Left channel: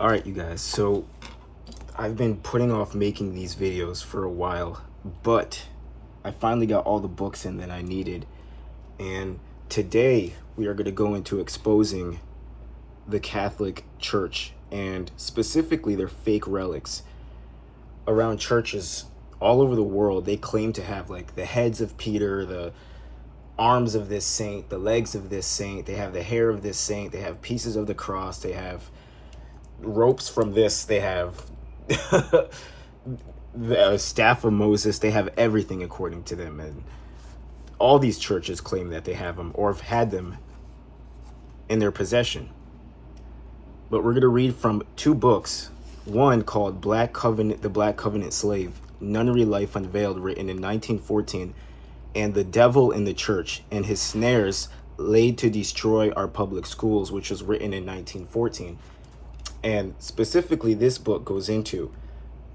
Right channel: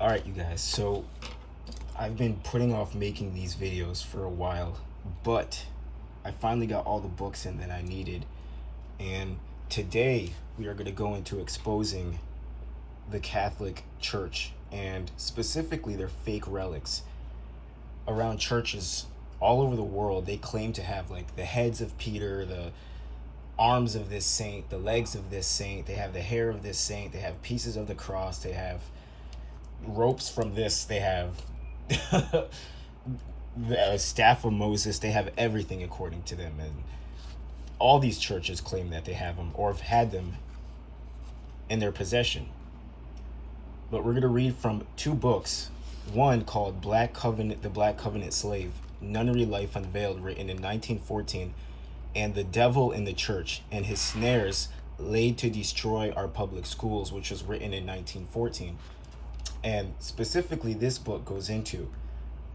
All right, you guys. So I've been putting off making these videos for a while, but I finally got all the books in that I needed. And today we are going to go into exposing the Catholic Church and specifically their fake relics around churches all over the world. They claim to have like the heads of Peter, the arms of this saint, the legs of this saint. They have the hair of this saint. They have pieces of the cross. They have ropes from this. They have the staff of Moses. They have everything according to them. And all these churches claim that they have them or have had them in their possession. But we're going to read from two books. One called Black Covenant, The Black Covenant Slave, Nunnery Life Unveiled, written in 1914, and The Devil in the Church and His Snares Laid to Destroy Our Public Schools, which was written in 1914. And specifically, this book goes into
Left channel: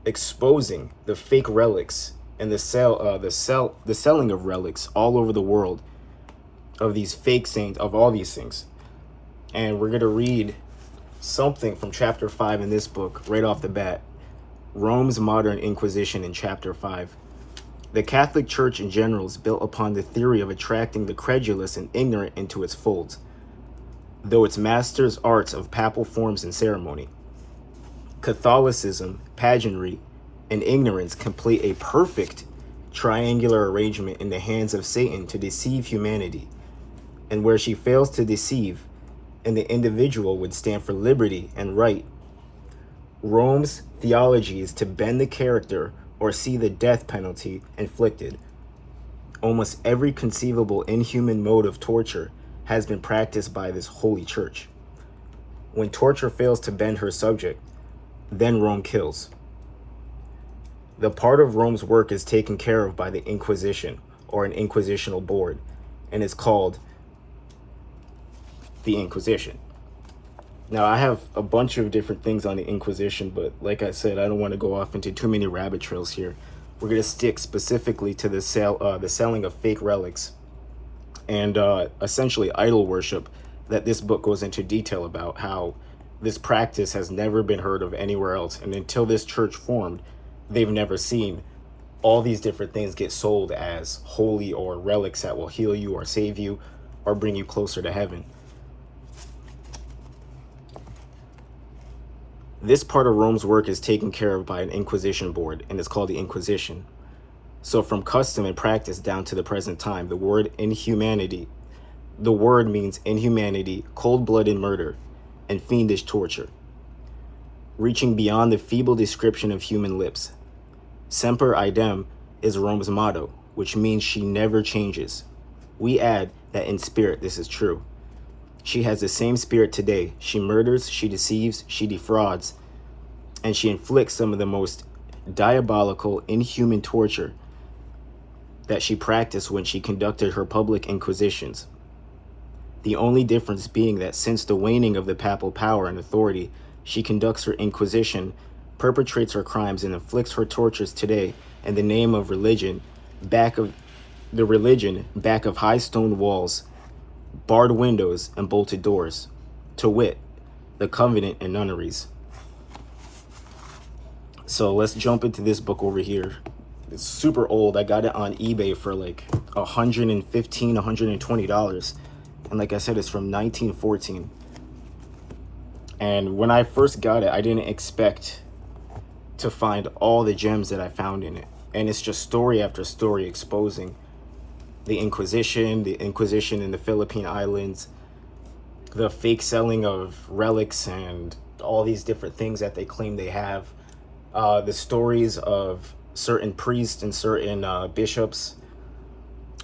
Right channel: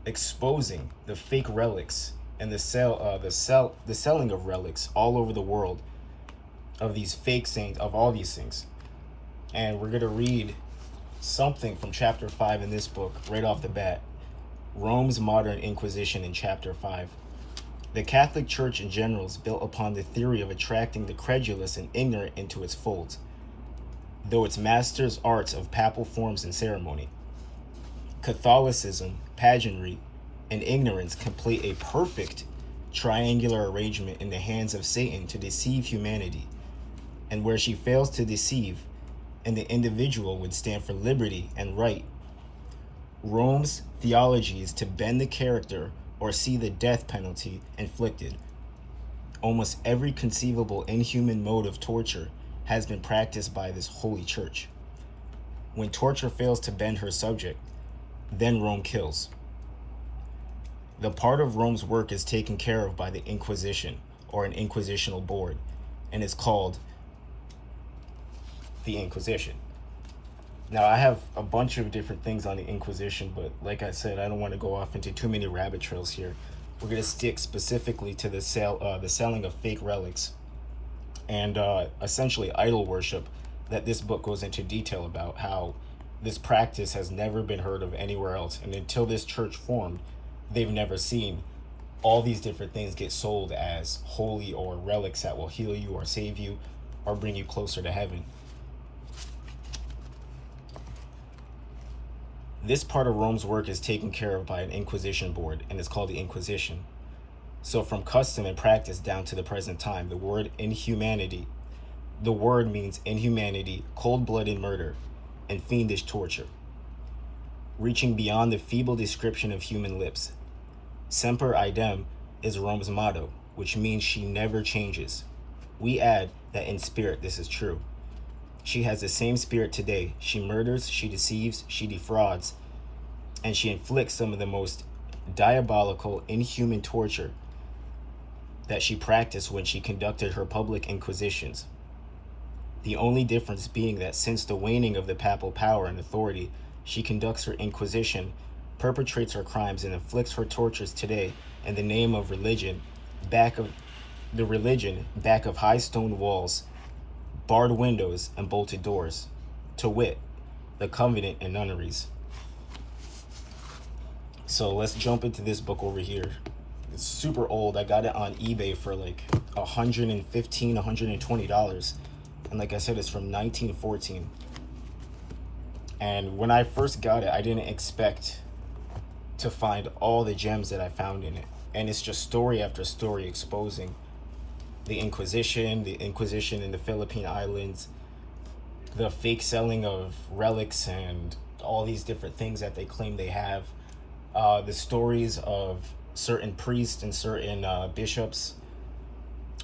exposing the fake relics and the selling of relics all over the world of these fake saints, of all these things. And we're going to read something from chapter 5 in this book right off the bat. Rome's Modern Inquisition in chapter 5. The Catholic Church in general is built upon the theory of attracting the credulous and ignorant into its folds, though its masters arts of papal forms and ceremony. Catholicism, pageantry, and ignorance complete a perfect triangular arrangement in the hands of Satan to deceive humanity, and where she fails to deceive, and the individual would stand for liberty and right. Rome's theology is to bend the character or see the death penalty inflicted. Almost every conceivable inhuman mode of torture has been practiced by this holy church. When torture fails to bend her subject, then Rome kills. The part of Rome's work is taken care of by the Inquisition or an inquisitional board and is called the Inquisition. Now, I have a bunch of different things on the Inquisition, but like I said, I don't want to go off into too many rabbit trails here. We're going to stick specifically to the selling of fake relics and essentially idol worship that this book goes into detail about, how this practice has never been heard of anywhere else. And until this church formed, they've never seen all these different things get sold as holy or relics that will heal you or save you or bring you closer to heaven. This part of Rome's work is taken care of by an Inquisition board, and it's called the Inquisition. So from custom and practice down to the present time, the word means inhumanity, cold-blooded murder, and fiendish torture, reaching beyond the feeble description of human lips. Semper idem is Rome's motto, which means she never changes. We add that in spirit this is true. She has the same spirit today. She murders, she deceives, she defrauds, and she inflicts some of the most diabolical, inhuman torture that she practiced when she conducted her public inquisitions. The only difference being that since the waning of the papal power and authority, she conducts her inquisition, perpetrates her crimes, and inflicts her tortures today in the name of religion, back of high stone walls, barred windows, and bolted doors, to wit, the convent and nunneries. So let's jump into this book over here. It's super old. I got it on eBay for like $115, $120. And like I said, it's from 1914. And when I first got it, I didn't expect to find all the gems that I found in it. And it's just story after story exposing the Inquisition in the Philippine Islands, the fake selling of relics and all these different things that they claim they have, the stories of certain priests and certain bishops.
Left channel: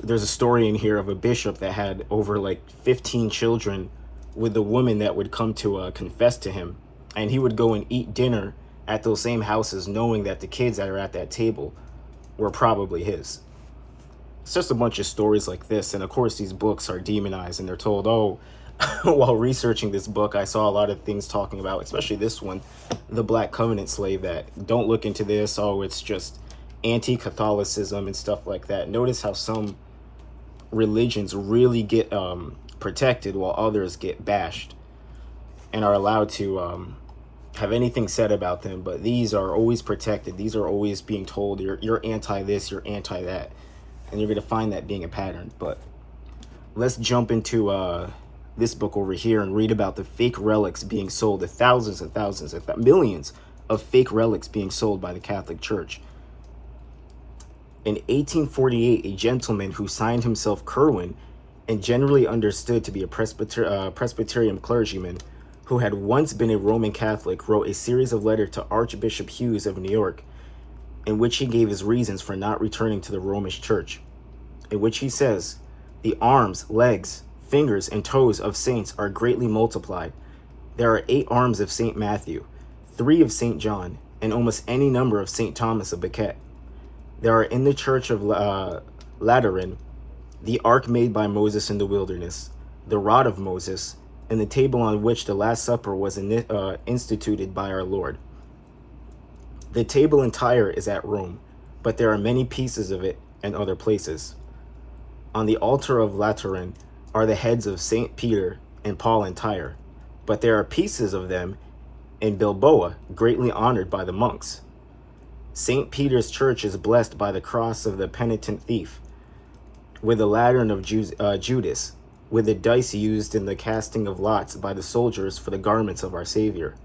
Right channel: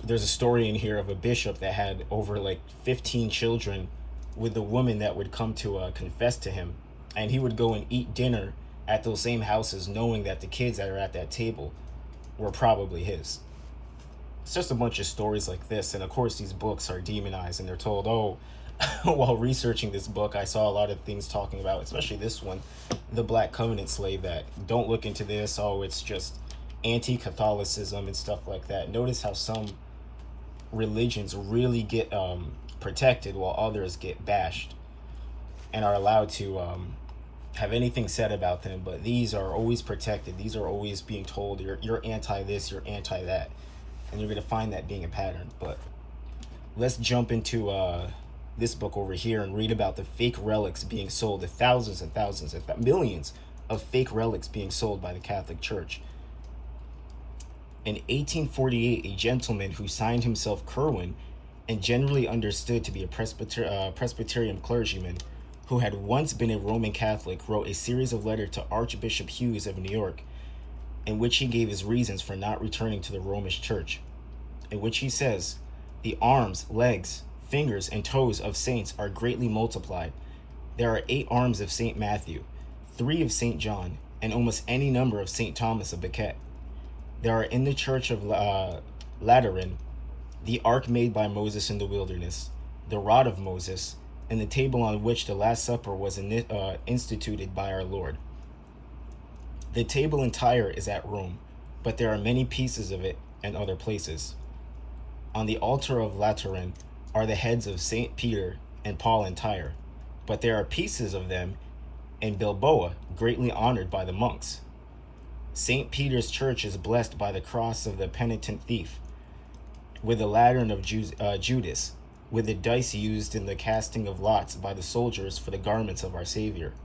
There's a story in here of a bishop that had over like 15 children with the woman that would come to confess to him, and he would go and eat dinner at those same houses knowing that the kids that are at that table were probably his. It's just a bunch of stories like this. And of course, these books are demonized and they're told, oh, while researching this book, I saw a lot of things talking about, especially this one, the Black Covenant Slave, that don't look into this. Oh, it's just anti-Catholicism and stuff like that. Notice how some religions really get protected while others get bashed and are allowed to have anything said about them, but these are always protected. These are always being told you're anti this, you're anti that, and you're gonna find that being a pattern. But let's jump into this book over here and read about the fake relics being sold, the thousands and thousands, millions of fake relics being sold by the Catholic Church. In 1848, a gentleman who signed himself Kerwin and generally understood to be a Presbyterian clergyman who had once been a Roman Catholic, wrote a series of letters to Archbishop Hughes of New York, in which he gave his reasons for not returning to the Romish Church, in which he says, "The arms, legs, fingers, and toes of saints are greatly multiplied. There are 8 arms of St. Matthew, 3 of St. John, and almost any number of St. Thomas of Becket. There are in the Church of Lateran the ark made by Moses in the wilderness, the rod of Moses, and the table on which the Last Supper was instituted by our Lord. The table entire is at Rome, but there are many pieces of it in other places. On the altar of Lateran are the heads of St. Peter and Paul entire, but there are pieces of them in Bilboa, greatly honored by the monks. St. Peter's church is blessed by the cross of the penitent thief, with the lantern of Judas, with the dice used in the casting of lots by the soldiers for the garments of our Savior,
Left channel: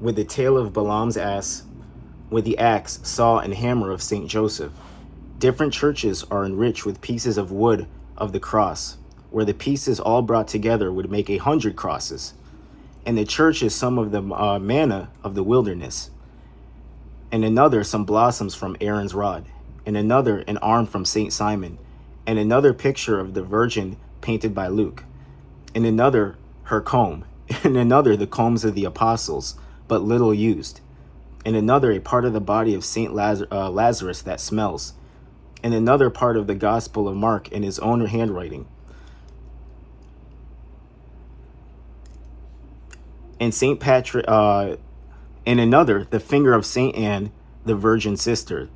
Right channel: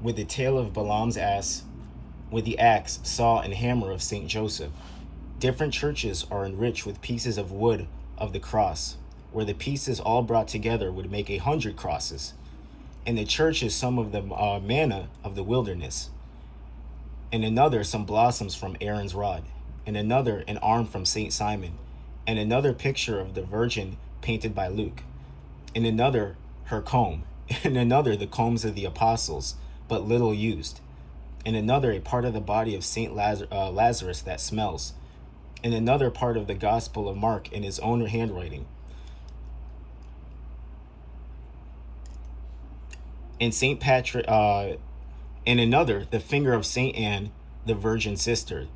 with the tail of Balaam's ass, with the axe, saw, and hammer of St. Joseph. Different churches are enriched with pieces of wood of the cross, where the pieces all brought together would make 100 crosses. In the church is some of the manna of the wilderness, and another some blossoms from Aaron's rod, and another an arm from St. Simon, and another picture of the Virgin painted by Luke, and another her comb, and another the combs of the apostles, but little used, and another a part of the body of St. Lazarus that smells, and another part of the Gospel of Mark in his own handwriting, and St. Patrick, and another the finger of St. Anne, the Virgin sister,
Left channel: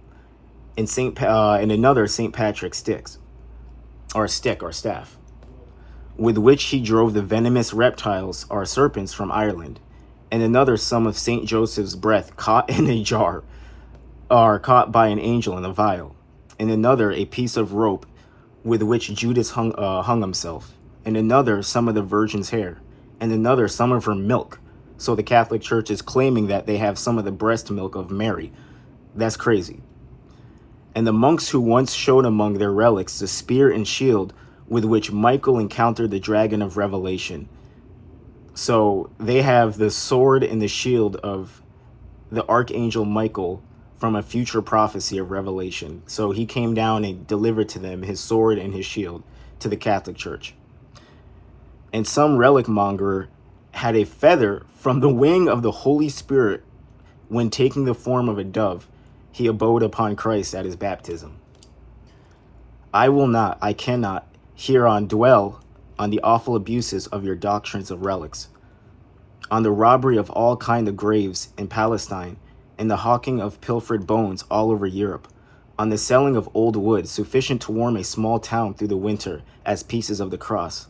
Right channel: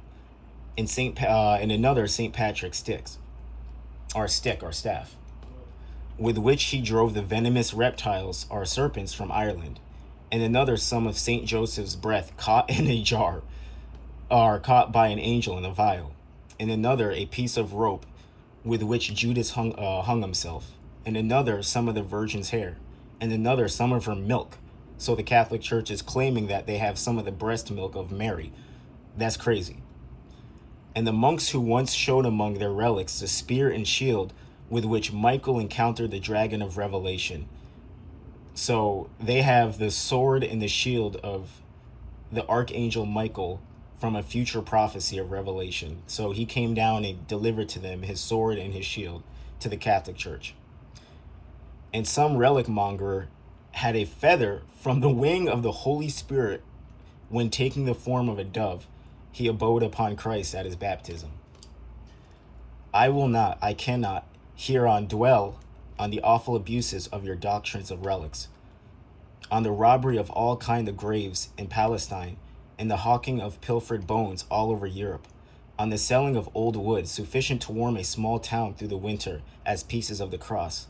and another St. Patrick's stick or staff, with which he drove the venomous reptiles or serpents from Ireland, and another some of St. Joseph's breath caught in a jar, or caught by an angel in a vial, and another a piece of rope with which Judas hung himself, and another some of the Virgin's hair, and another some of her milk. So the Catholic Church is claiming that they have some of the breast milk of Mary. That's crazy. And the monks who once showed among their relics the spear and shield with which Michael encountered the dragon of Revelation. So they have the sword and the shield of the Archangel Michael from a future prophecy of Revelation. So he came down and delivered to them his sword and his shield to the Catholic Church. And some relic monger had a feather from the wing of the Holy Spirit when taking the form of a dove. He abode upon Christ at his baptism. I cannot hereon dwell on the awful abuses of your doctrines of relics, on the robbery of all kind of graves in Palestine, and the hawking of pilfered bones all over Europe, on the selling of old wood sufficient to warm a small town through the winter as pieces of the cross,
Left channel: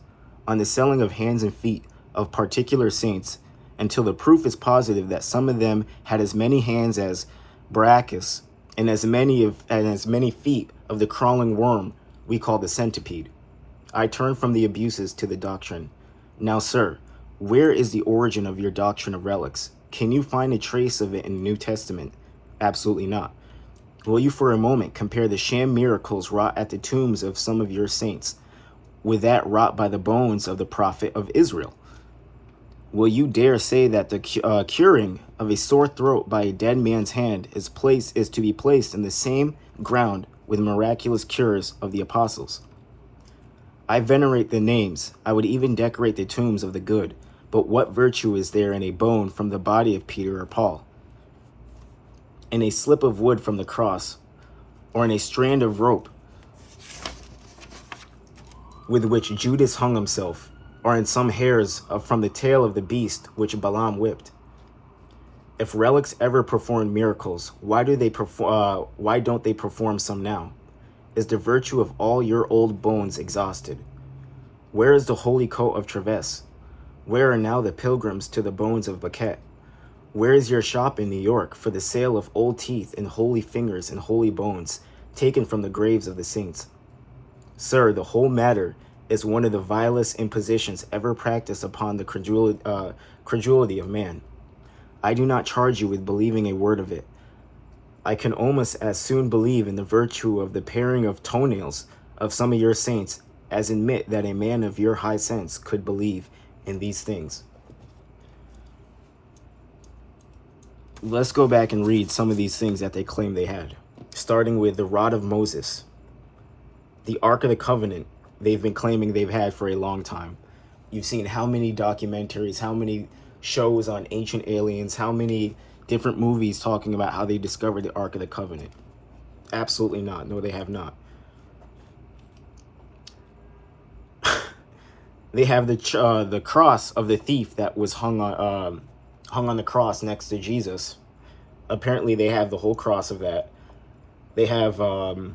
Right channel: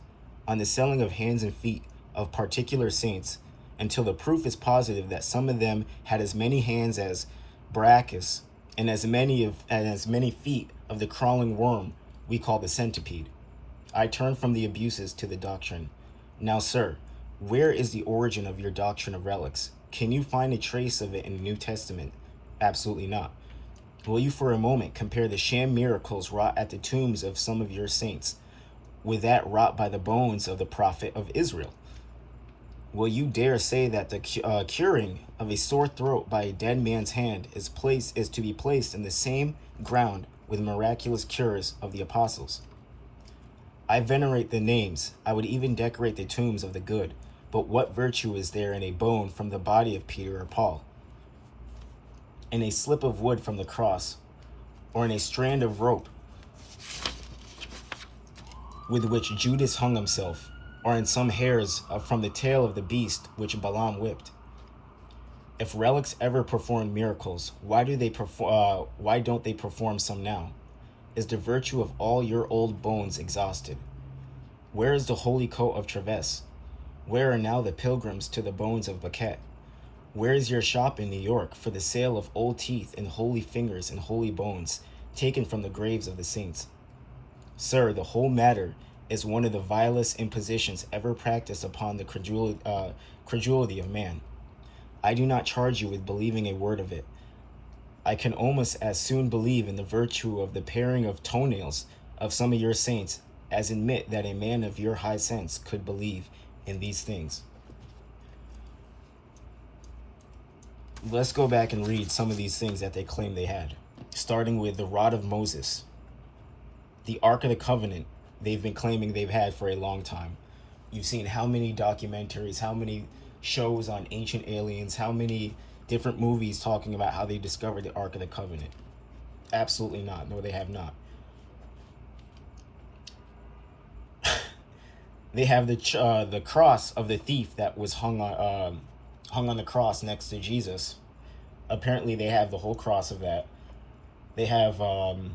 on the selling of hands and feet of particular saints, until the proof is positive that some of them had as many hands as Bacchus, and as many feet of the crawling worm we call the centipede. I turn from the abuses to the doctrine. Now, sir, where is the origin of your doctrine of relics? Can you find a trace of it in the New Testament? Absolutely not. Will you for a moment compare the sham miracles wrought at the tombs of some of your saints with that wrought by the bones of the prophet of Israel? Will you dare say that the curing of a sore throat by a dead man's hand is to be placed in the same ground with miraculous cures of the apostles? I venerate the names. I would even decorate the tombs of the good. But what virtue is there in a bone from the body of Peter or Paul, in a slip of wood from the cross, or in a strand of rope with which Judas hung himself, or in some hairs from the tail of the beast which Balaam whipped? If relics ever performed miracles, why don't they perform some now? Is the virtue of all your old bones exhausted? Where is the holy coat of Treves? Where are now the pilgrims to the bones of Becket? Where is your shop in New York for the sale of old teeth and holy fingers and holy bones taken from the graves of the saints? Sir, the whole matter is one of the vilest impositions ever practiced upon the credulity of man. I do not charge you with believing a word of it. I can almost as soon believe in the virtue of the paring of toenails of some of your saints as admit that a man of your high sense could believe in these things. Let's go back and read some of these things that they claim they had, starting with the rod of Moses, the Ark of the Covenant. They've been claiming they've had for a long time. You've seen how many documentaries, how many shows on ancient aliens, how many different movies talking about how they discovered the Ark of the Covenant. Absolutely not. No, they have not. They have the cross of the thief that was hung on the cross next to Jesus. Apparently, they have the whole cross of that. They have the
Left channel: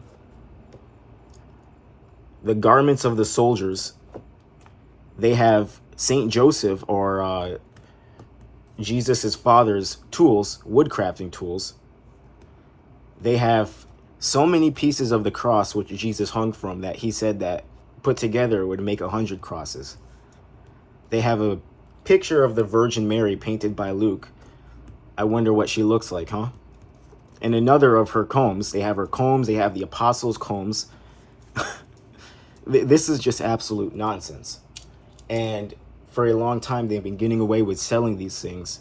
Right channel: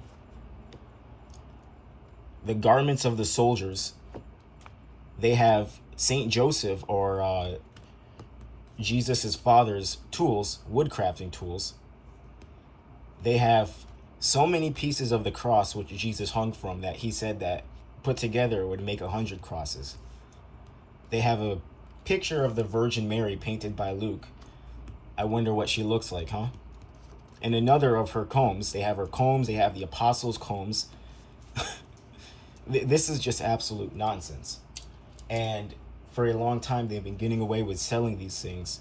garments of the soldiers. They have Saint Joseph, or Jesus's father's tools, woodcrafting tools. They have so many pieces of the cross which Jesus hung from that he said that put together would make 100 crosses. They have a picture of the Virgin Mary painted by Luke. I wonder what she looks like, huh? And another of her combs. They have her combs. They have the apostles' combs. This is just absolute nonsense. And for a long time, they've been getting away with selling these things.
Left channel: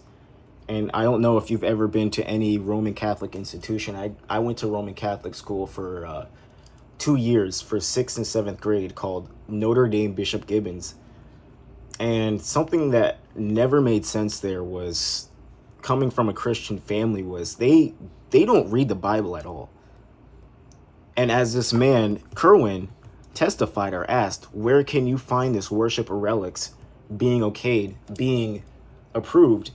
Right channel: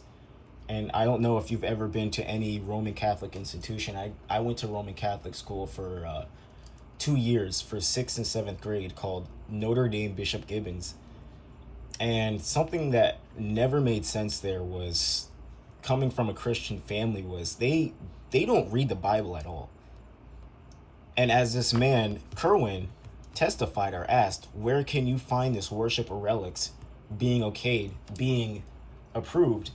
And I don't know if you've ever been to any Roman Catholic institution. I went to Roman Catholic school for 2 years for 6th and 7th grade, called Notre Dame Bishop Gibbons. And something that never made sense there was, coming from a Christian family, was they don't read the Bible at all. And as this man, Kerwin, testified or asked, where can you find this worship of relics being okayed, being approved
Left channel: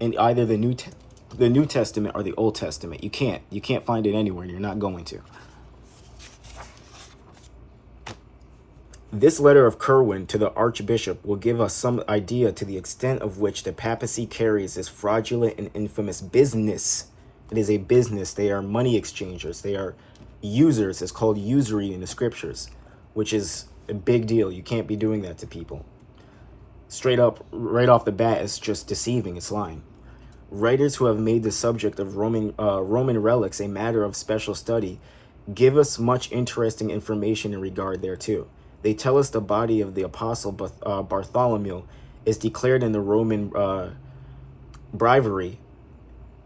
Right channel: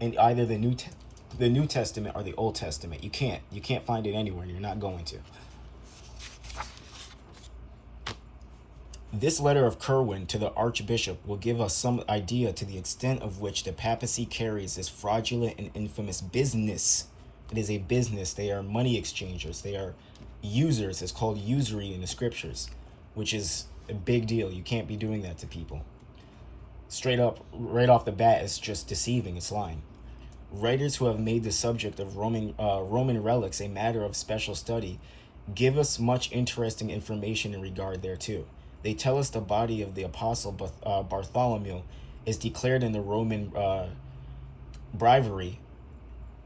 in either the New Testament or the Old Testament? You can't find it anywhere. You're not going to. This letter of Kerwin to the Archbishop will give us some idea to the extent of which the papacy carries this fraudulent and infamous business. It is a business. They are money exchangers. They are users. It's called usury in the scriptures, which is a big deal. You can't be doing that to people. Straight up, right off the bat, it's just deceiving. It's lying. Writers who have made the subject of Roman relics a matter of special study give us much interesting information in regard thereto. They tell us the body of the apostle Bartholomew is declared in the Roman breviary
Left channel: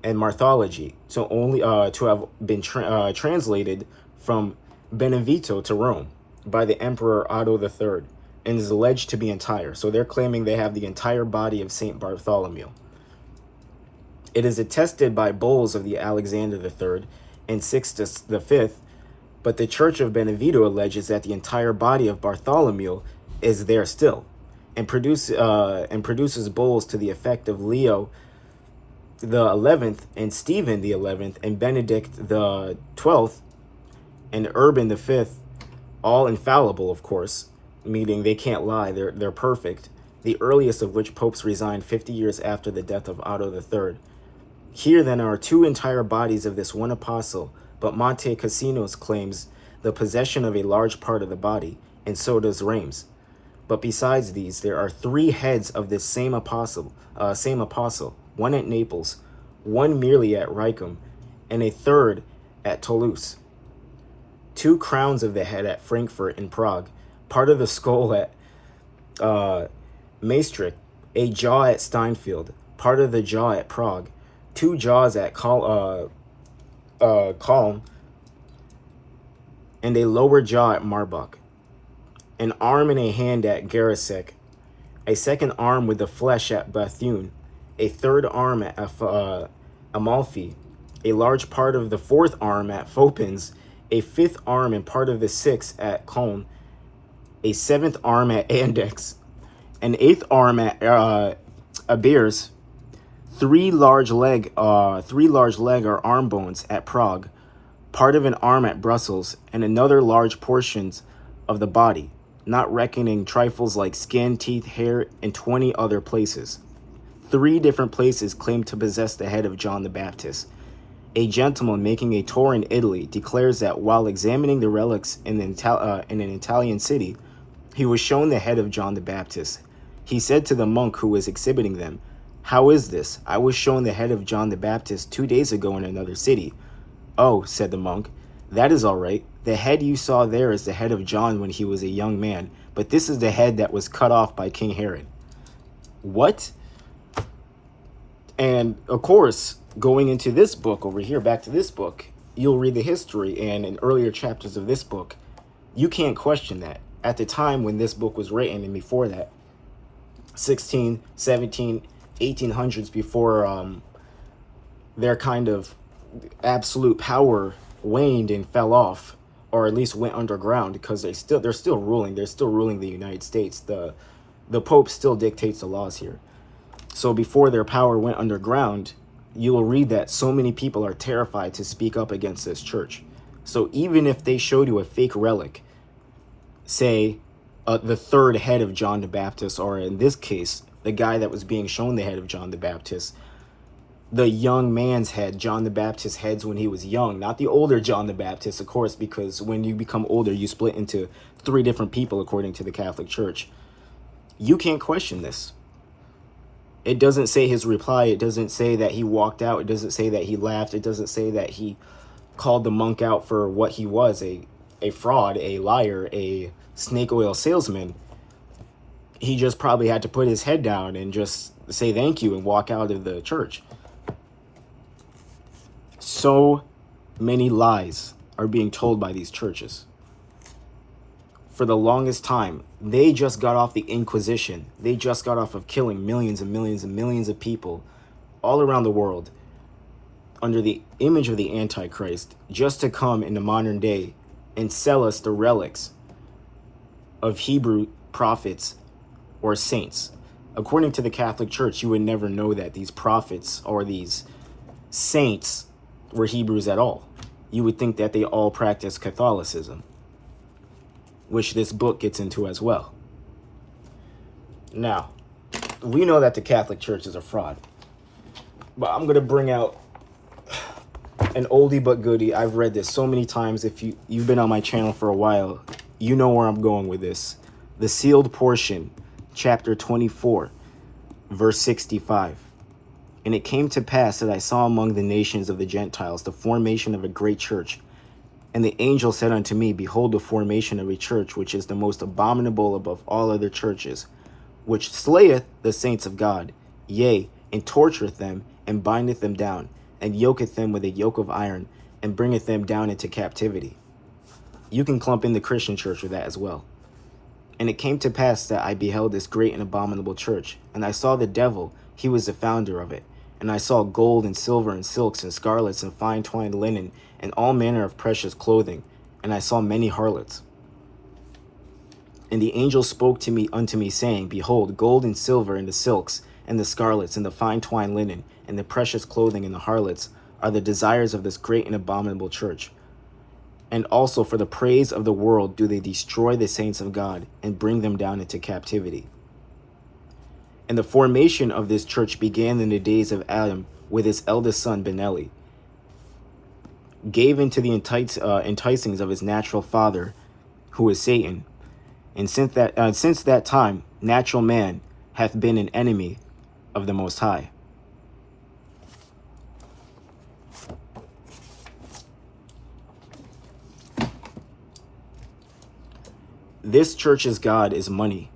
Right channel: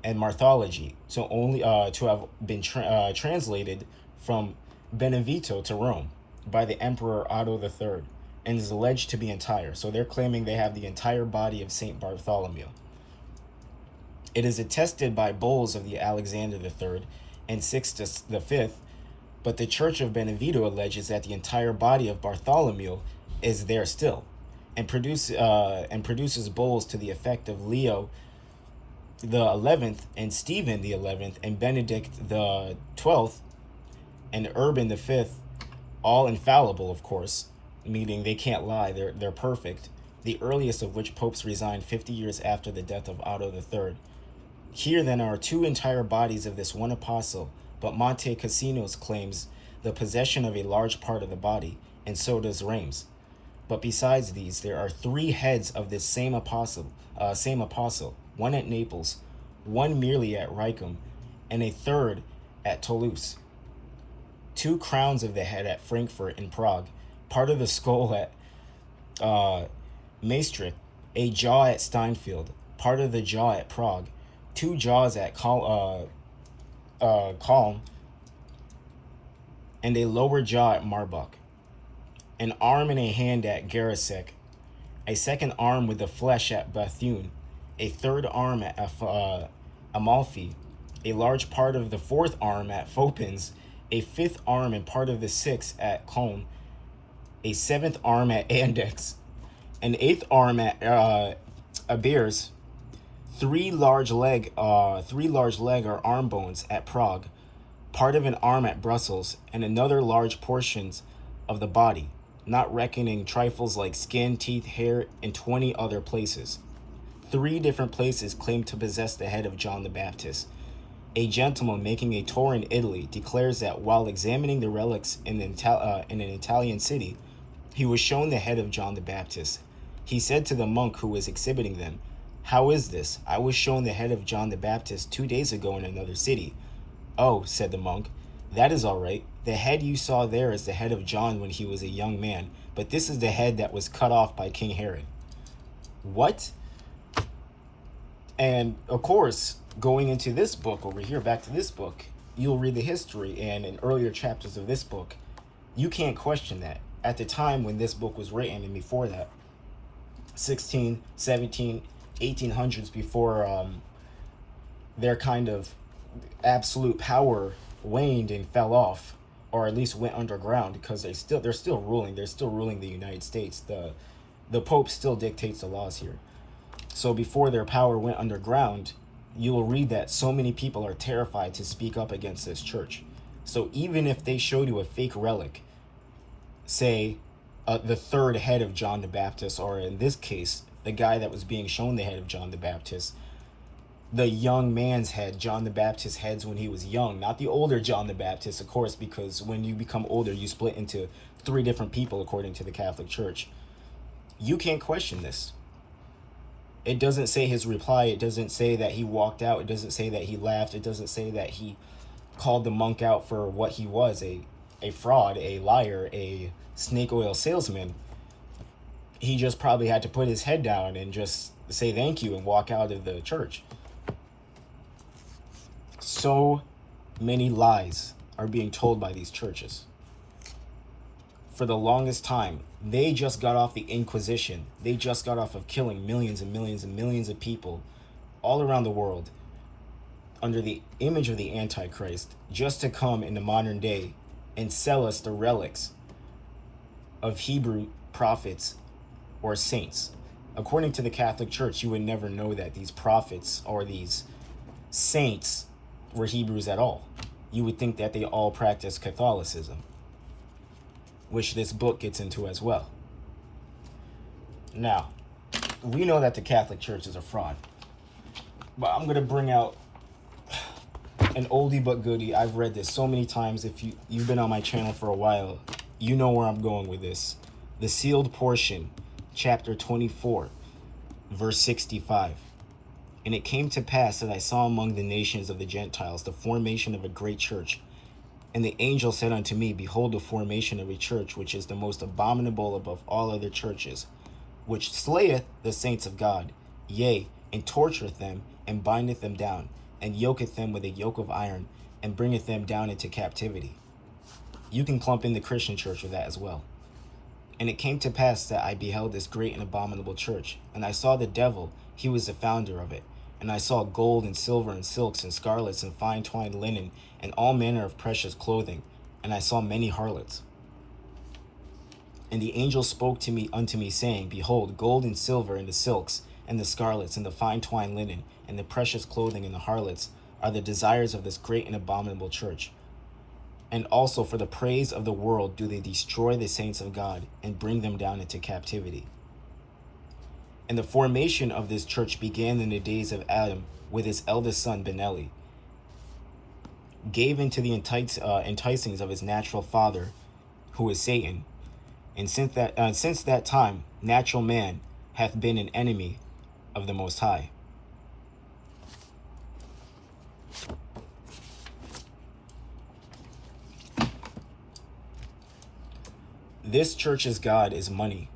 and martyrology to have been translated from Benevento to Rome by the Emperor Otto III, and is alleged to be entire. So they're claiming they have the entire body of Saint Bartholomew. It is attested by bulls of the Alexander III and Sixtus V, but the Church of Benevento alleges that the entire body of Bartholomew is there still, and produces bulls to the effect of Leo the 11th and Stephen the 11th and Benedict the 12th and Urban the 5th, all infallible, of course, meaning they can't lie, they're perfect, the earliest of which popes resigned 50 years after the death of Otto III. Here then are two entire bodies of this one apostle, but Monte Cassino's claims the possession of a large part of the body, and so does Reims. But besides these, there are 3 heads of this same apostle, one at Naples, one merely at Ricum, and a third at Toulouse. 2 crowns of the head at Frankfurt and Prague, part of the skull at Maastricht, a jaw at Steinfeld, part of the jaw at Prague, 2 jaws at Calm, and a lower jaw at Marbach, an arm and a hand at Garisek, a second arm with the flesh at Bethune, a third arm at Amalfi, a large part of the 4th arm at Fopins, a 5th arm and part of the 6th at Cologne, a 7th arm at Andex, an 8th arm at Abiers, 3 large leg or arm bones at Prague, part of an arm at Brussels, and another large portions of the body, not reckoning trifles like skin, teeth, hair, and 20 other places. 3 different places claim to possess the head of John the Baptist. A gentleman making a tour in Italy declares that while examining the relics in an Italian city, he was shown the head of John the Baptist. He said to the monk who was exhibiting them, "How is this? I was shown the head of John the Baptist 2 days ago in another city." "Oh," said the monk, "that is all right. The head you saw there is the head of John when he was a young man, but this is the head that was cut off by King Herod." What? And of course, going into this book over here, back to this book, you'll read the history, and in earlier chapters of this book, you can't question that. At the time when this book was written, and before that, 16, 17, 1800s, before their kind of absolute power waned and fell off, or at least went underground, because they're still ruling the United States. The Pope still dictates the laws here. So before their power went underground, you will read that so many people are terrified to speak up against this church. So even if they showed you a fake relic, say the 3rd head of John the Baptist, or in this case, the guy that was being shown the head of John the Baptist, the young man's head, John the Baptist's heads when he was young, not the older John the Baptist, of course, because when you become older, you split into 3 different people according to the Catholic Church. You can't question this. It doesn't say his reply. It doesn't say that he walked out. It doesn't say that he laughed. It doesn't say that he called the monk out for what he was, a fraud, a liar, a snake oil salesman. He just probably had to put his head down and just say thank you and walk out of the church. So many lies are being told by these churches. For the longest time, they just got off the Inquisition. They just got off of killing millions and millions and millions of people all around the world under the image of the Antichrist, just to come in the modern day and sell us the relics of Hebrew prophets or saints. According to the Catholic Church, you would never know that these prophets or these saints were Hebrews at all. You would think that they all practiced Catholicism, which this book gets into as well. Now, we know that the Catholic Church is a fraud, but I'm going to bring out an oldie but goodie. I've read this so many times. If you've been on my channel for a while, you know where I'm going with this. The sealed portion, chapter 24, verse 65. "And it came to pass that I saw among the nations of the Gentiles the formation of a great church. And the angel said unto me, Behold, the formation of a church, which is the most abominable above all other churches, which slayeth the saints of God, yea, and tortureth them, and bindeth them down, and yoketh them with a yoke of iron, and bringeth them down into captivity." You can clump in the Christian church with that as well. "And it came to pass that I beheld this great and abominable church, and I saw the devil, he was the founder of it. And I saw gold and silver and silks and scarlets and fine twined linen and all manner of precious clothing. And I saw many harlots. And the angel spoke to me unto me, saying, Behold, gold and silver and the silks and the scarlets and the fine twined linen and the precious clothing and the harlots are the desires of this great and abominable church. And also for the praise of the world do they destroy the saints of God and bring them down into captivity. And the formation of this church began in the days of Adam with his eldest son, Benelli, gave into the enticings of his natural father, who is Satan. And since that time, natural man hath been an enemy of the Most High. This church's God is money.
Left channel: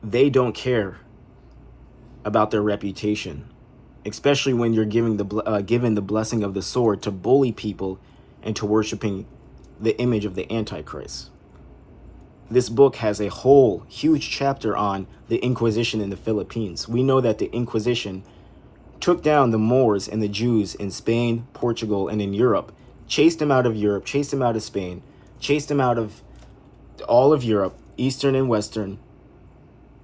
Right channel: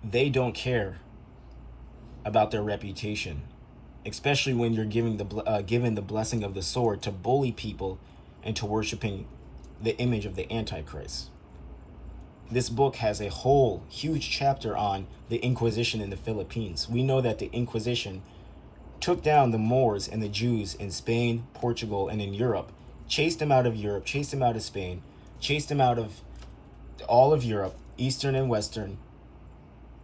They don't care about their reputation, especially when you're given the blessing of the sword to bully people into worshiping the image of the Antichrist. This book has a whole huge chapter on the Inquisition in the Philippines. We know that the Inquisition took down the Moors and the Jews in Spain, Portugal, and in Europe, chased them out of Europe, chased them out of Spain, chased them out of all of Europe, Eastern and Western.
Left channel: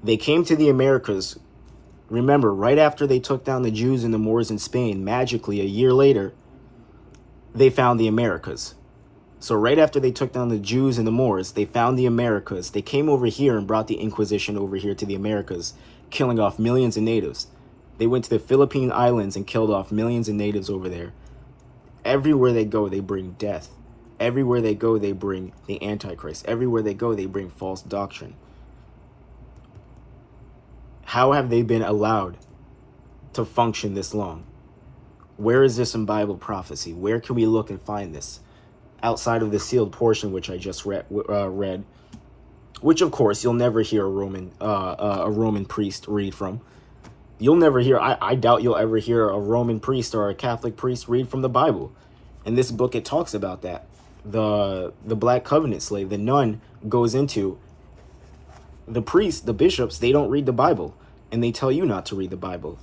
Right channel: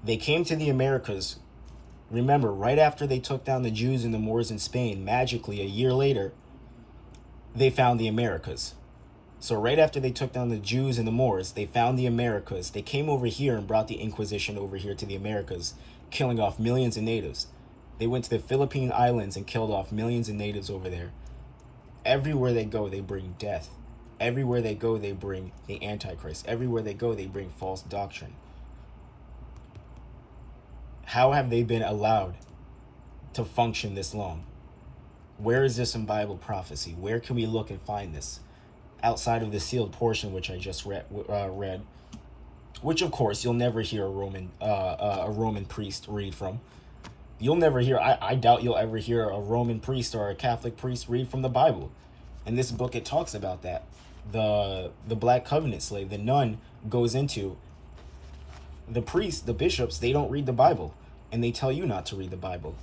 They came to the Americas. Remember, right after they took down the Jews and the Moors in Spain, magically a year later, they found the Americas. So right after they took down the Jews and the Moors, they found the Americas. They came over here and brought the Inquisition over here to the Americas, killing off millions of natives. They went to the Philippine Islands and killed off millions of natives over there. Everywhere they go, they bring death. Everywhere they go, they bring the Antichrist. Everywhere they go, they bring false doctrine. How have they been allowed to function this long? Where is this in Bible prophecy? Where can we look and find this? Outside of the sealed portion, which I just read, which of course you'll never hear a Roman priest read from. You'll never hear, I doubt you'll ever hear a Roman priest or a Catholic priest read from the Bible. In this book, it talks about that. The Black Covenant slave, the nun, goes into the priests, the bishops, they don't read the Bible, and they tell you not to read the Bible.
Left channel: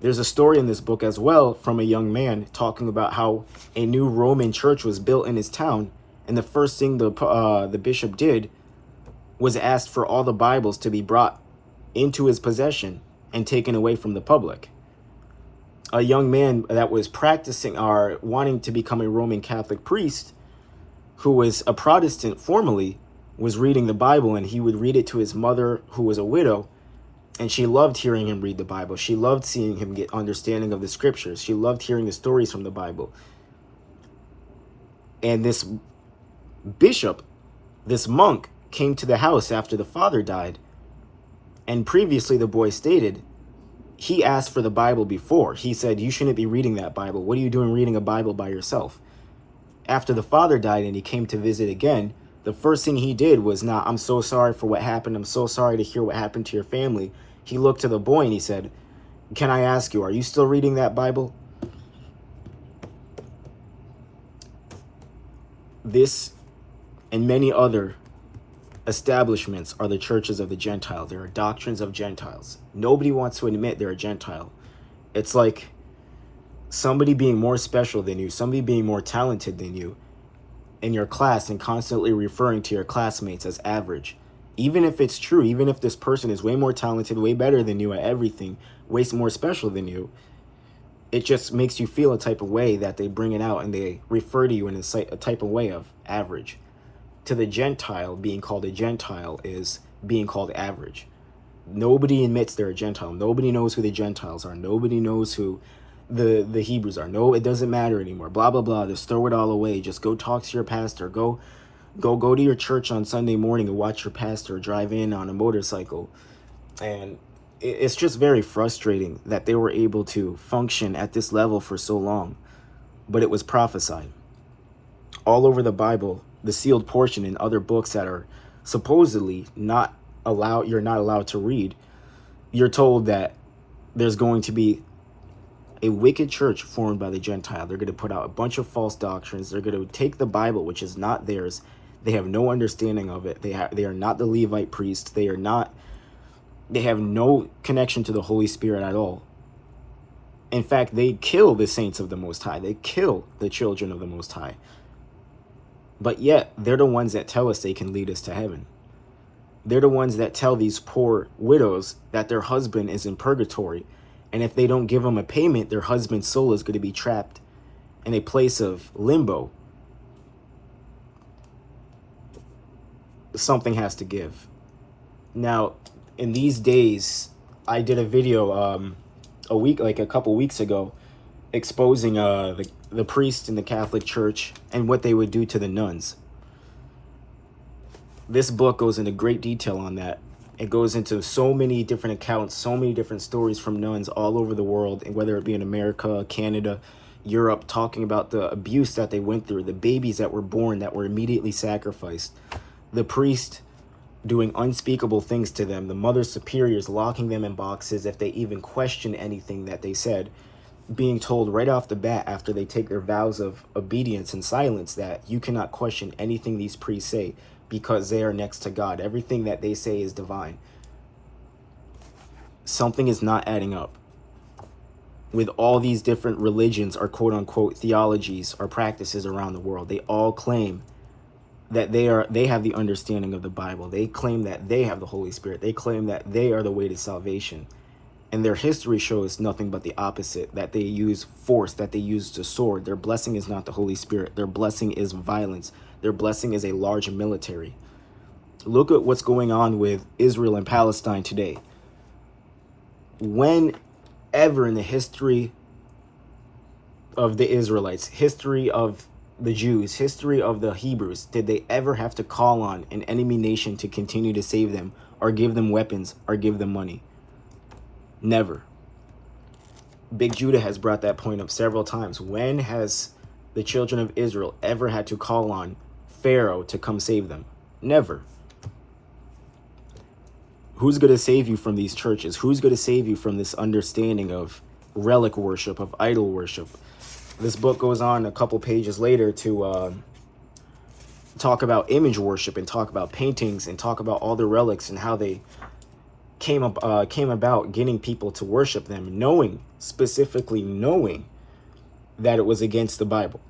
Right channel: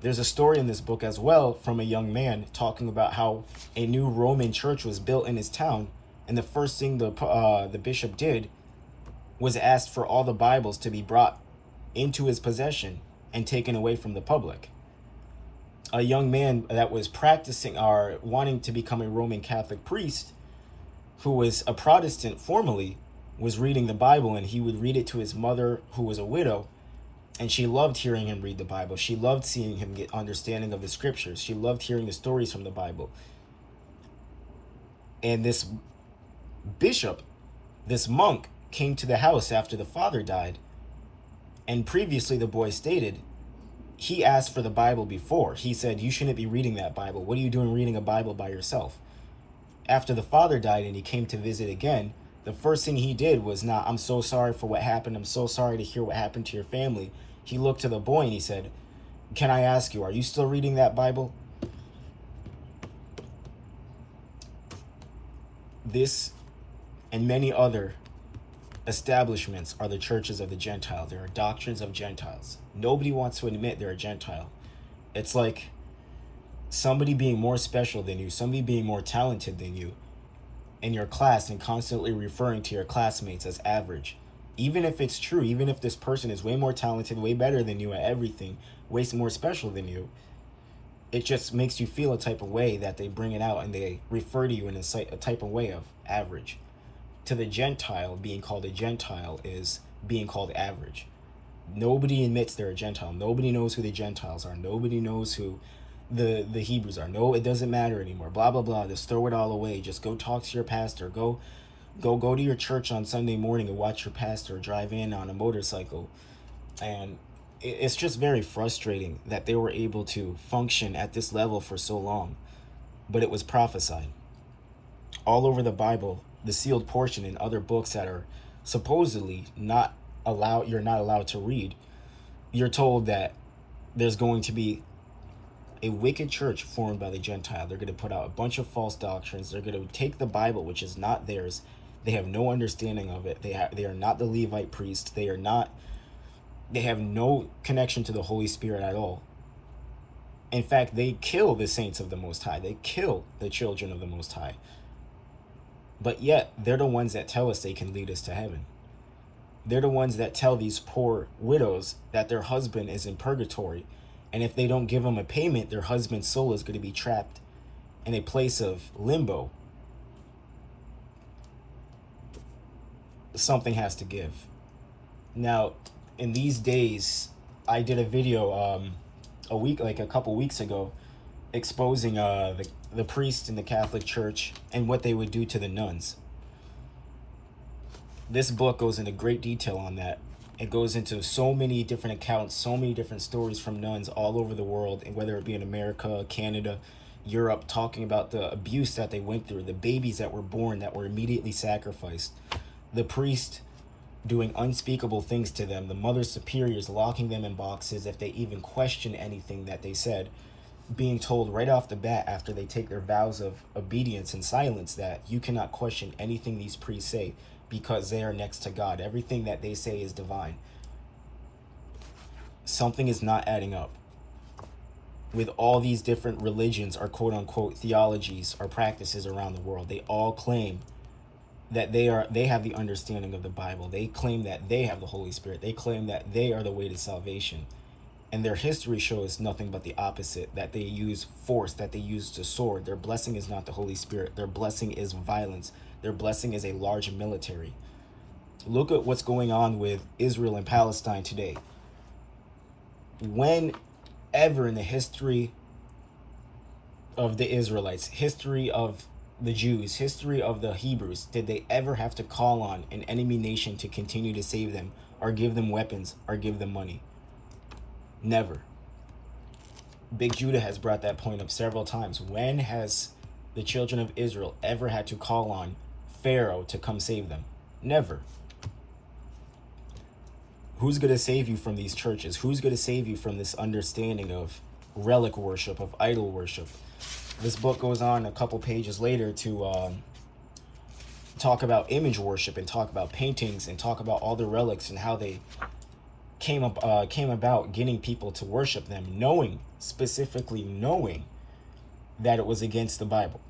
There's a story in this book as well from a young man talking about how a new Roman church was built in his town, and the first thing the bishop did was ask for all the Bibles to be brought into his possession and taken away from the public. A young man that was practicing or wanting to become a Roman Catholic priest, who was a Protestant formerly, was reading the Bible, and he would read it to his mother, who was a widow, and she loved hearing him read the Bible. She loved seeing him get understanding of the scriptures. She loved hearing the stories from the Bible. And this bishop, this monk, came to the house after the father died. And previously, the boy stated, he asked for the Bible before. He said, you shouldn't be reading that Bible. What are you doing reading a Bible by yourself? After the father died and he came to visit again, the first thing he did was, I'm so sorry for what happened. I'm so sorry to hear what happened to your family. He looked to the boy and he said, can I ask you, are you still reading that Bible? This and many other establishments are the churches of the Gentiles. There are doctrines of Gentiles. Nobody wants to admit they're a Gentile. It's like somebody being more special than you, somebody being more talented than you in your class, and constantly referring to your classmates as average. Even if it's true, even if this person is way more talented, way better than you at everything, way more special than you, it just makes you feel a type of way that they bring it out and they refer to you in a type of way of average. To the Gentile, being called a Gentile is being called average. Nobody admits they're a Gentile. Nobody knows who the Gentiles are. Nobody knows who the Hebrews are. No, it doesn't matter anymore. Blah, blah, blah. Just throw it all away. Just go talk to your pastor. Go to your church on Sunday morning and watch your pastor drive in on a motorcycle. And it's just very frustrating that they were able to function at this level for so long. But it was prophesied. All over the Bible, the sealed portion in other books that are supposedly you're not allowed to read, you're told that there's going to be a wicked church formed by the Gentile. They're going to put out a bunch of false doctrines. They're going to take the Bible, which is not theirs. They have no understanding of it. They are not the Levite priests. They have no connection to the Holy Spirit at all. In fact, they kill the saints of the Most High. They kill the children of the Most High. But yet, they're the ones that tell us they can lead us to heaven. They're the ones that tell these poor widows that their husband is in purgatory. And if they don't give them a payment, their husband's soul is going to be trapped in a place of limbo. Something has to give. Now, in these days, I did a video a couple weeks ago exposing the priests in the Catholic Church and what they would do to the nuns. This book goes into great detail on that. It goes into so many different accounts, so many different stories from nuns all over the world, and whether it be in America, Canada, Europe, talking about the abuse that they went through, the babies that were born that were immediately sacrificed, the priest doing unspeakable things to them, the mother superiors locking them in boxes if they even question anything that they said, being told right off the bat after they take their vows of obedience and silence that you cannot question anything these priests say because they are next to God. Everything that they say is divine. Something is not adding up. With all these different religions or quote-unquote theologies or practices around the world, they all claim that they have the understanding of the Bible. They claim that they have the Holy Spirit. They claim that they are the way to salvation. And their history shows nothing but the opposite, that they use force, that they use the sword. Their blessing is not the Holy Spirit. Their blessing is violence. Their blessing is a large military. Look at what's going on with Israel and Palestine today. when ever in the history of the Israelites, history of the Jews, history of the Hebrews, did they ever have to call on an enemy nation to continue to save them or give them weapons or give them money? Never. Big Judah has brought that point up several times. When has the children of Israel ever had to call on Pharaoh to come save them? Never. Who's going to save you from these churches? Who's going to save you from this understanding of relic worship, of idol worship? This book goes on a couple pages later to talk about image worship and talk about paintings and talk about all the relics and how they came about getting people to worship them, specifically knowing that it was against the Bible.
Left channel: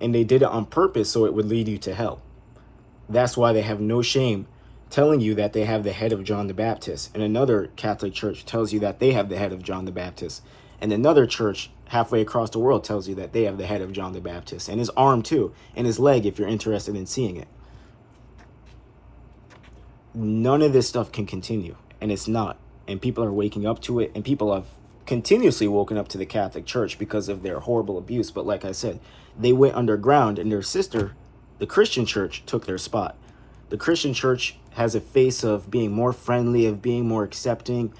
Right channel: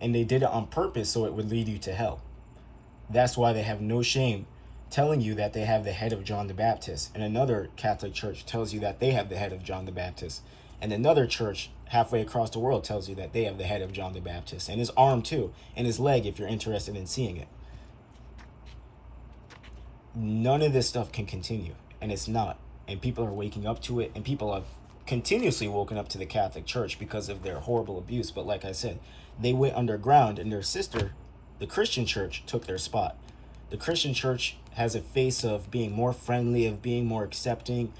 And they did it on purpose so it would lead you to hell. That's why they have no shame telling you that they have the head of John the Baptist. And another Catholic church tells you that they have the head of John the Baptist. And another church halfway across the world tells you that they have the head of John the Baptist. And his arm too. And his leg if you're interested in seeing it. None of this stuff can continue. And it's not. And people are waking up to it. And people have continuously woken up to the Catholic Church because of their horrible abuse. But like I said, they went underground and their sister, the Christian Church, took their spot. The Christian Church has a face of being more friendly, of being more accepting,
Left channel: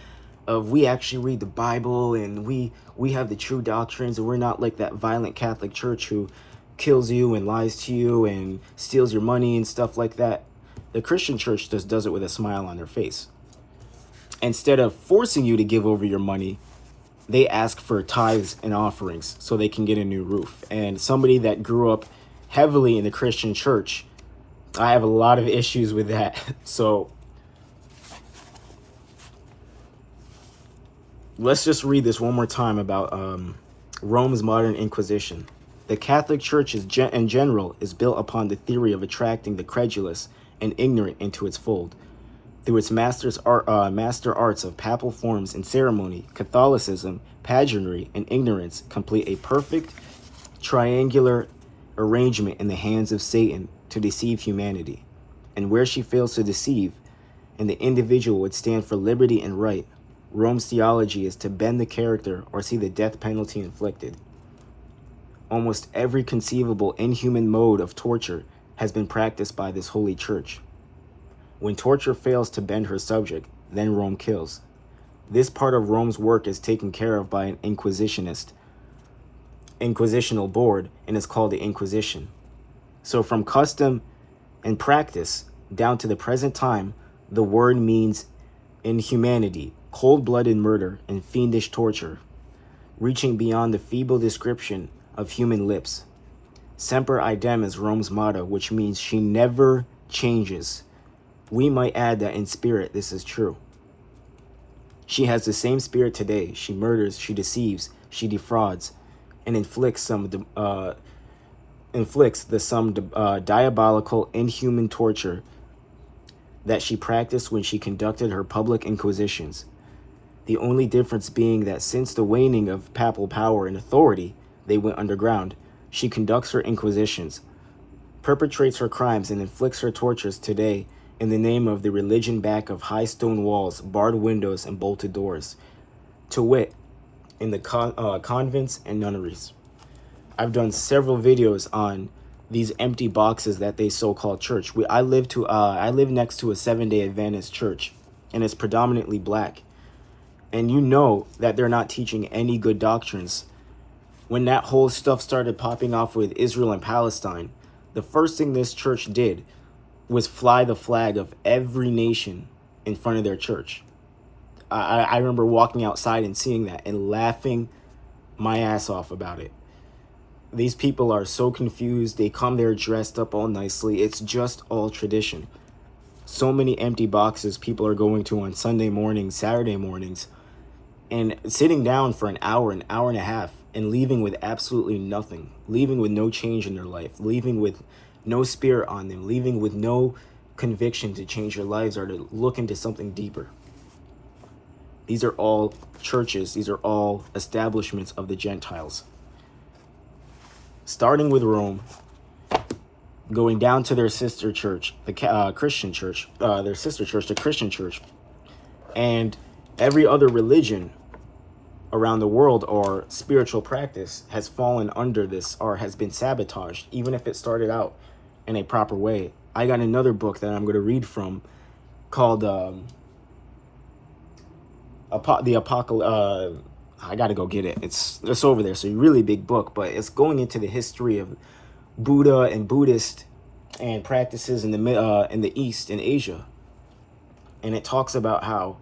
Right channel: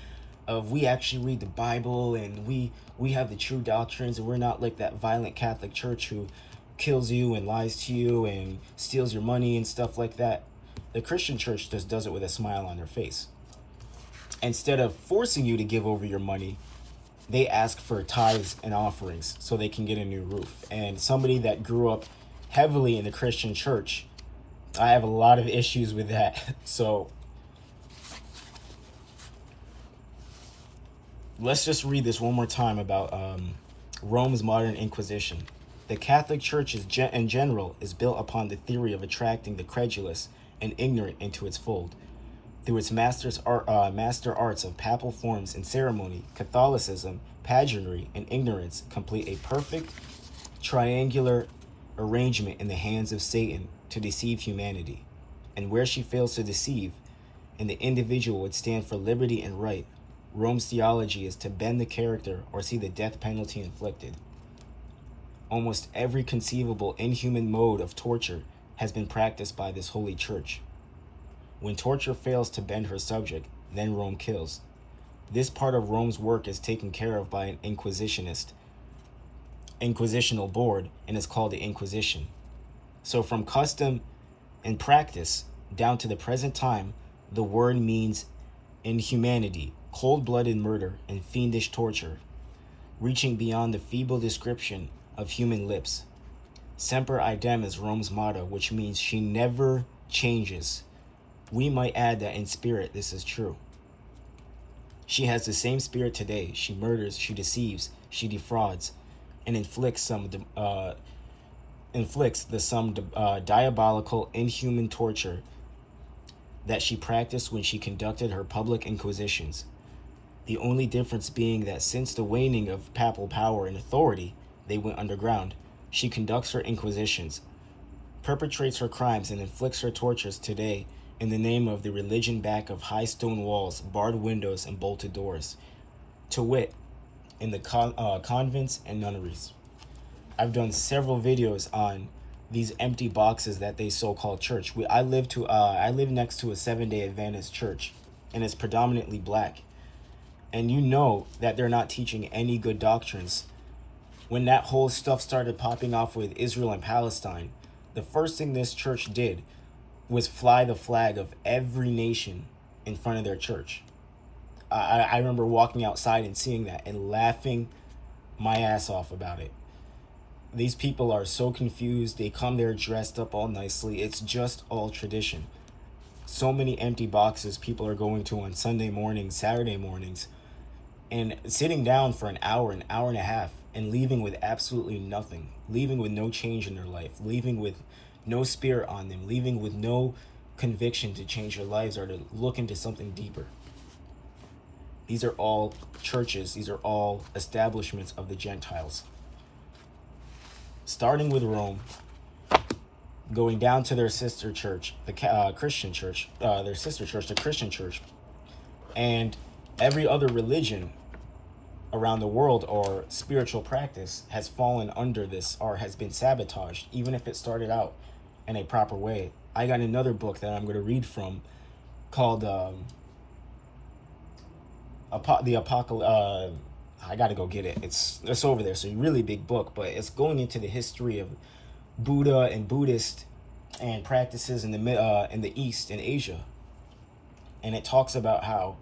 of we actually read the Bible and we have the true doctrines, and we're not like that violent Catholic Church who kills you and lies to you and steals your money and stuff like that. The Christian Church just does it with a smile on their face. Instead of forcing you to give over your money, they ask for tithes and offerings so they can get a new roof. And somebody that grew up heavily in the Christian Church, I have a lot of issues with that. So let's just read this one more time about Rome's modern Inquisition. The Catholic Church in general is built upon the theory of attracting the credulous and ignorant into its fold. Through its master arts of papal forms and ceremony, Catholicism, pageantry, and ignorance complete a perfect triangular arrangement in the hands of Satan to deceive humanity. And where she fails to deceive, and the individual would stand for liberty and right, Rome's theology is to bend the character or see the death penalty inflicted. Almost every conceivable inhuman mode of torture has been practiced by this holy church. When torture fails to bend her subject, then Rome kills. This part of Rome's work is taken care of by an inquisitional board and is called the Inquisition. So from custom and practice down to the present time, the word means inhumanity, cold-blooded murder, and fiendish torture, reaching beyond the feeble description of human lips. Semper idem is Rome's motto, which means she never changes. We might add that in spirit this is true. She has the same spirit today. She murders, she deceives, she defrauds, and inflicts the diabolical, inhuman torture that she practiced when she conducted her public inquisitions. The only difference being that since the waning of papal power and authority, they went underground. She conducts her inquisitions, perpetrates her crimes, and inflicts her tortures today in the name of the religion back of high stone walls, barred windows, and bolted doors. To wit, in the convents and nunneries. I've done several videos on these empty boxes that they so-called church. I live next to a Seventh-day Adventist church, and it's predominantly black. And you know that they're not teaching any good doctrines. When that whole stuff started popping off with Israel and Palestine, the first thing this church did was fly the flag of every nation in front of their church. I remember walking outside and seeing that and laughing my ass off about it. These people are so confused. They come there dressed up all nicely. It's just all tradition. So many empty boxes people are going to on Sunday mornings, Saturday mornings, and sitting down for an hour and a half, and leaving with absolutely nothing, leaving with no change in their life, leaving with no spirit on them, leaving with no conviction to change their lives or to look into something deeper. These are all churches. These are all establishments of the Gentiles. Starting with Rome, going down to their sister church, the Christian church, their sister church, the Christian church, and Every other religion around the world or spiritual practice has fallen under this or has been sabotaged, even if it started out in a proper way. I got another book that I'm going to read from called the Apocalypse. I got to go get it. It's over there. So a really big book, but it's going into the history of Buddha and Buddhist and practices in the East, in Asia. And it talks about how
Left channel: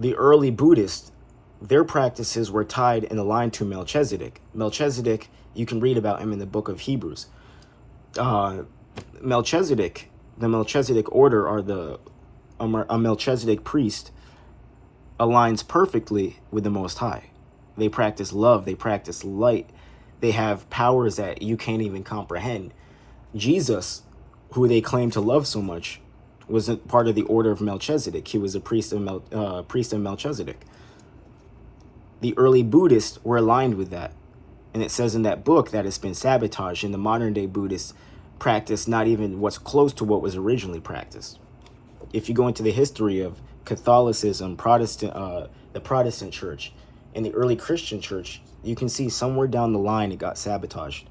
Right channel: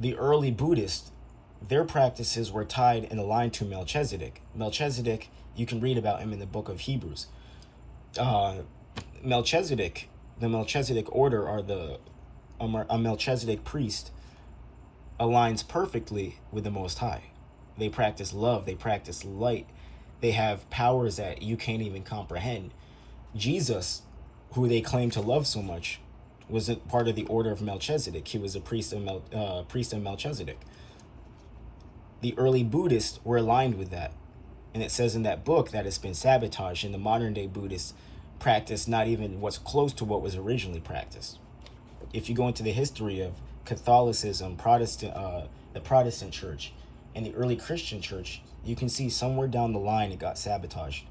the early Buddhists, their practices were tied and aligned to Melchizedek. Melchizedek, you can read about him in the book of Hebrews. Melchizedek, the Melchizedek order, or a Melchizedek priest, aligns perfectly with the Most High. They practice love, they practice light, they have powers that you can't even comprehend. Jesus, who they claim to love so much, wasn't part of the order of Melchizedek. He was a priest of Melchizedek. The early Buddhists were aligned with that. And it says in that book that it's been sabotaged, and the modern day Buddhists practice not even what's close to what was originally practiced. If you go into the history of Catholicism, the Protestant church, and the early Christian church, you can see somewhere down the line it got sabotaged.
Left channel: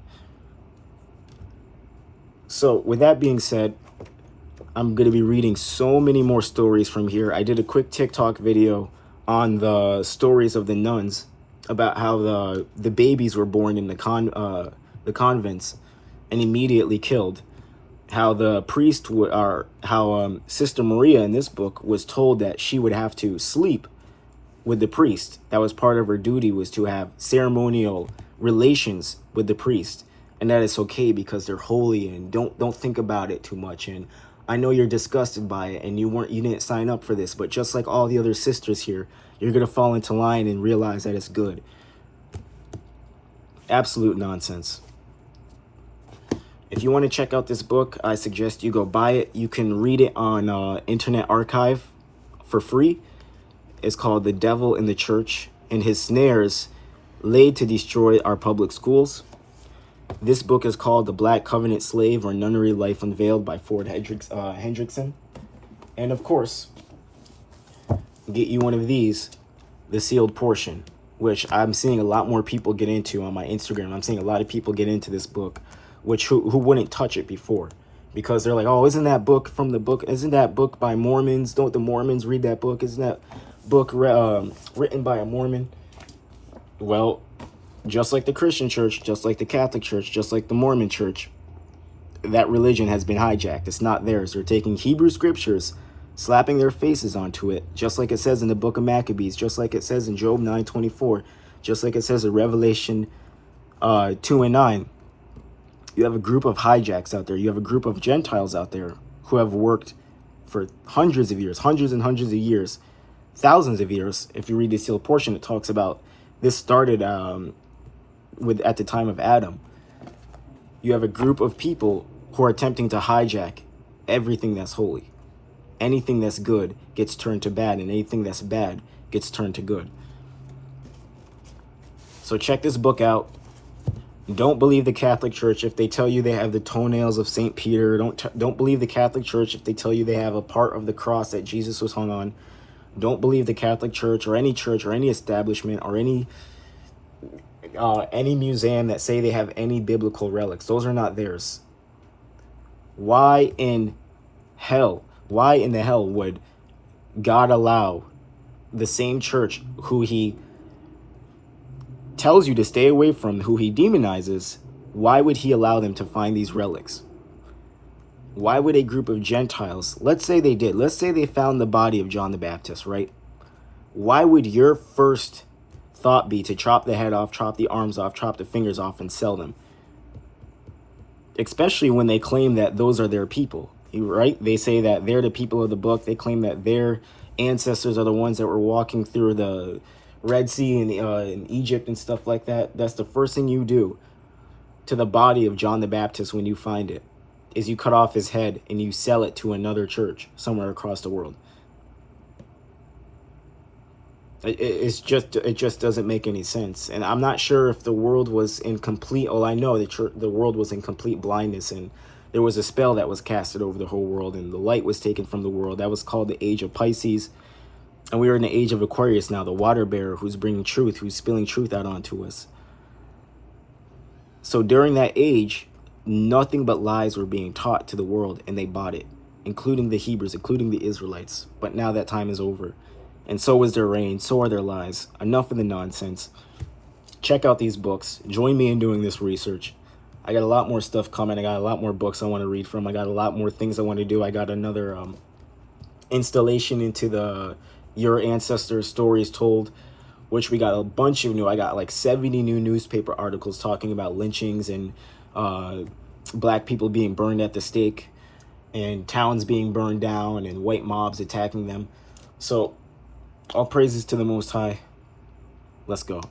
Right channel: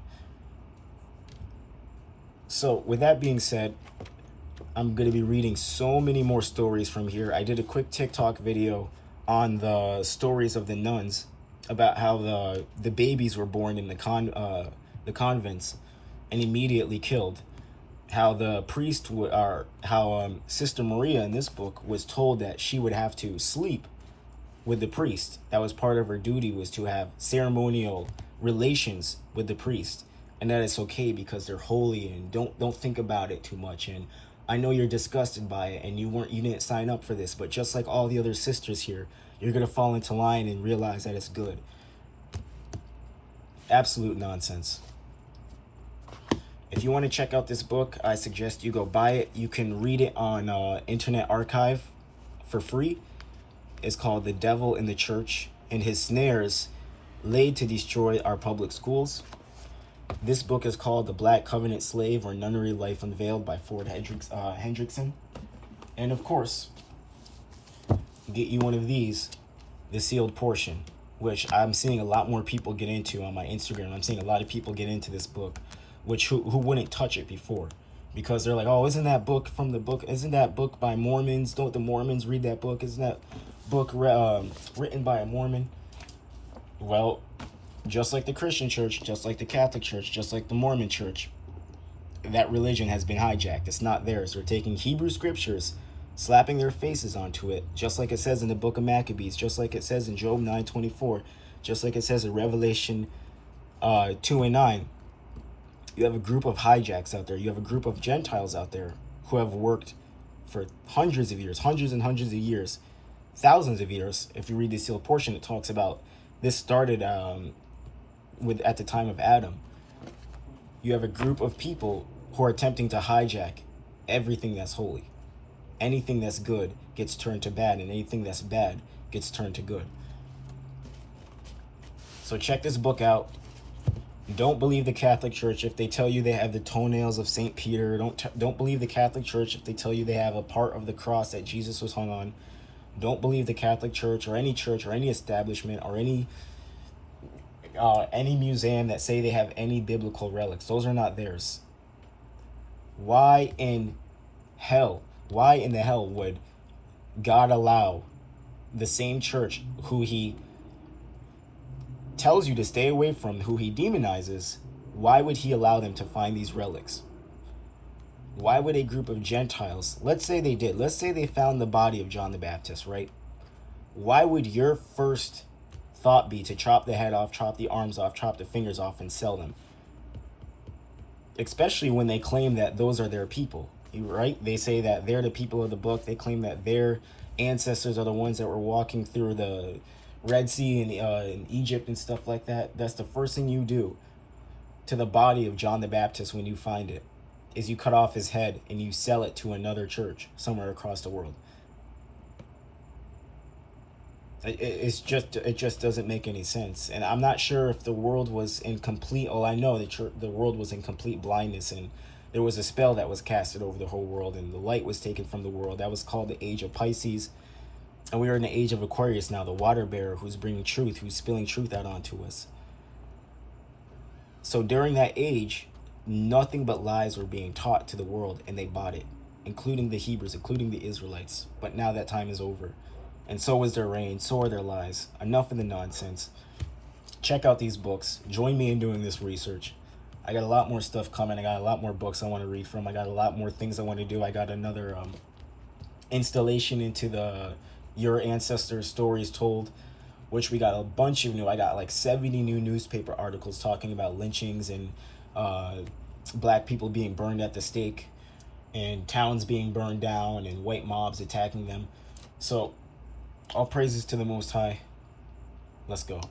So with that being said, I'm going to be reading so many more stories from here. I did a quick TikTok video on the stories of the nuns, about how the babies were born in the convents and immediately killed. How the priest Sister Maria in this book was told that she would have to sleep with the priest. That was part of her duty, was to have ceremonial relations with the priest, and that it's okay because they're holy, and don't think about it too much. And I know you're disgusted by it, and you didn't sign up for this, but just like all the other sisters here, you're gonna fall into line and realize that it's good. Absolute nonsense. If you want to check out this book, I suggest you go buy it. You can read it on Internet Archive for free. It's called The Devil in the Church and His Snares Laid to Destroy Our Public Schools. This book is called The Black Covenant Slave, or Nunnery Life Unveiled, by Ford Hendrickson. And of course, get you one of these, The Sealed Portion, which I'm seeing a lot more people get into on my Instagram. I'm seeing a lot of people get into this book, who wouldn't touch it before, because they're like, oh, isn't that book by Mormons? Don't the Mormons read that book? Isn't that book written by a Mormon? Well, just like the Christian church, just like the Catholic church, just like the Mormon church, that religion has been hijacked. It's not theirs. They're taking Hebrew scriptures, slapping their faces onto it, just like it says in the book of Maccabees, just like it says in Job 9:24, just like it says in Revelation 2 and 9. You have a group of hijacks out there. You have a group of Gentiles out there who have worked for hundreds of years, hundreds and hundreds of years, thousands of years. If you read the Sealed Portion, it talks about this started at the time of Adam. You have a group of people who are attempting to hijack everything that's holy. Anything that's good gets turned to bad, and anything that's bad gets turned to good. So check this book out. Don't believe the Catholic Church if they tell you they have the toenails of St. Peter. Don't believe the Catholic Church if they tell you they have a part of the cross that Jesus was hung on. Don't believe the Catholic Church or any establishment or any museum that say they have any biblical relics. Those are not theirs. Why in the hell would God allow the same church who he tells you to stay away from, who he demonizes, why would he allow them to find these relics? Why would a group of Gentiles, let's say they found the body of John the Baptist, right? Why would your first thought be to chop the head off, chop the arms off, chop the fingers off, and sell them? Especially when they claim that those are their people, right? They say that they're the people of the book. They claim that their ancestors are the ones that were walking through the Red Sea in Egypt and stuff like that. That's the first thing you do to the body of John the Baptist when you find it, is you cut off his head and you sell it to another church somewhere across the world. It just doesn't make any sense. And I'm not sure if the world was in complete, I know the world was in complete blindness, and there was a spell that was casted over the whole world, and the light was taken from the world. That was called the Age of Pisces. And we are in the age of Aquarius now, the water bearer who's bringing truth, who's spilling truth out onto us. So during that age, nothing but lies were being taught to the world, and they bought it, including the Hebrews, including the Israelites. But now that time is over. And so is their reign, so are their lies. Enough of the nonsense. Check out these books. Join me in doing this research. I got a lot more stuff coming. I got a lot more books I want to read from. I got a lot more things I want to do. I got another installation into the Your Ancestors Stories Told, which we got a bunch of new. I got like 70 new newspaper articles talking about lynchings and black people being burned at the stake and towns being burned down and white mobs attacking them. So all praises to the Most High. Let's go.